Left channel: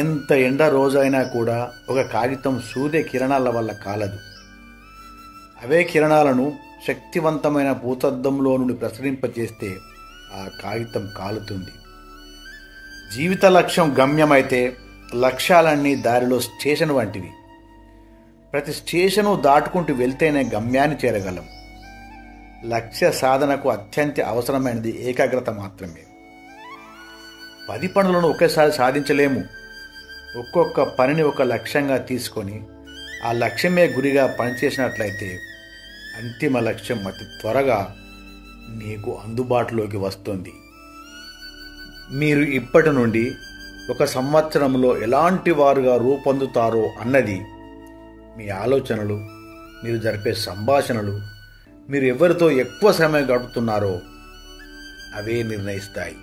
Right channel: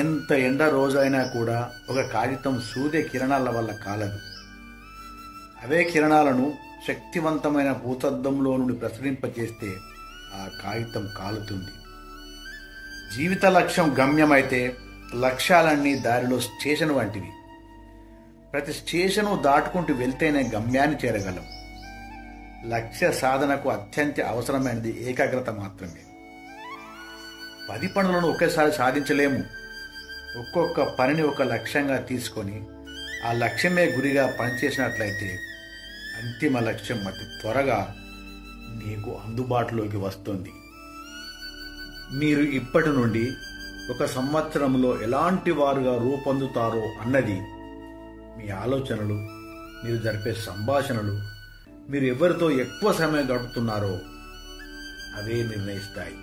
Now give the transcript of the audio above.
ఎంత ఎండ రోజైనా కూడా ఒక కాగితం సూర్య కిరణాల వల్ల కాలదు. అవే కిరణాలను శక్తివంతమైన భూతద్దంలో నుండి ప్రసరింపచేస్తే ఆ కాగితం కాలుతుంది. జీవిత లక్ష్యం గమ్యమైతే లక్ష్యాలన్నీ దారిలో స్టేషన్ వంటివి. ప్రతి స్టేషను దాటుకుంటూ వెళ్తేనే గమ్యాన్ని చేరగలం. లక్ష్య సాధనకు అత్యంత అవసరమైనది ఏకాగ్రత మాత్రమే. 10 పనులను ఒకేసారి సాధించలేము. ఒక్కొక్క పనిని ఒక లక్ష్యంగా తీసుకొని ఆ లక్ష్యమే గురిగా పనిచేసినట్లయితే అంతిమ లక్ష్యం అతి త్వరగా మీకు అందుబాటులోకి వస్తుంది. మీరు ఇప్పటి నుండి 1 సంవత్సరంలో ఎలాంటి వారుగా రూపొందుతారో అన్నది మీ ఆలోచనలు, మీరు జరిపే సంభాషణలు, మీరు ఎవరితో ఎక్కువ సమయం గడుపుతున్నారో అవే నిర్ణయిస్తాయి.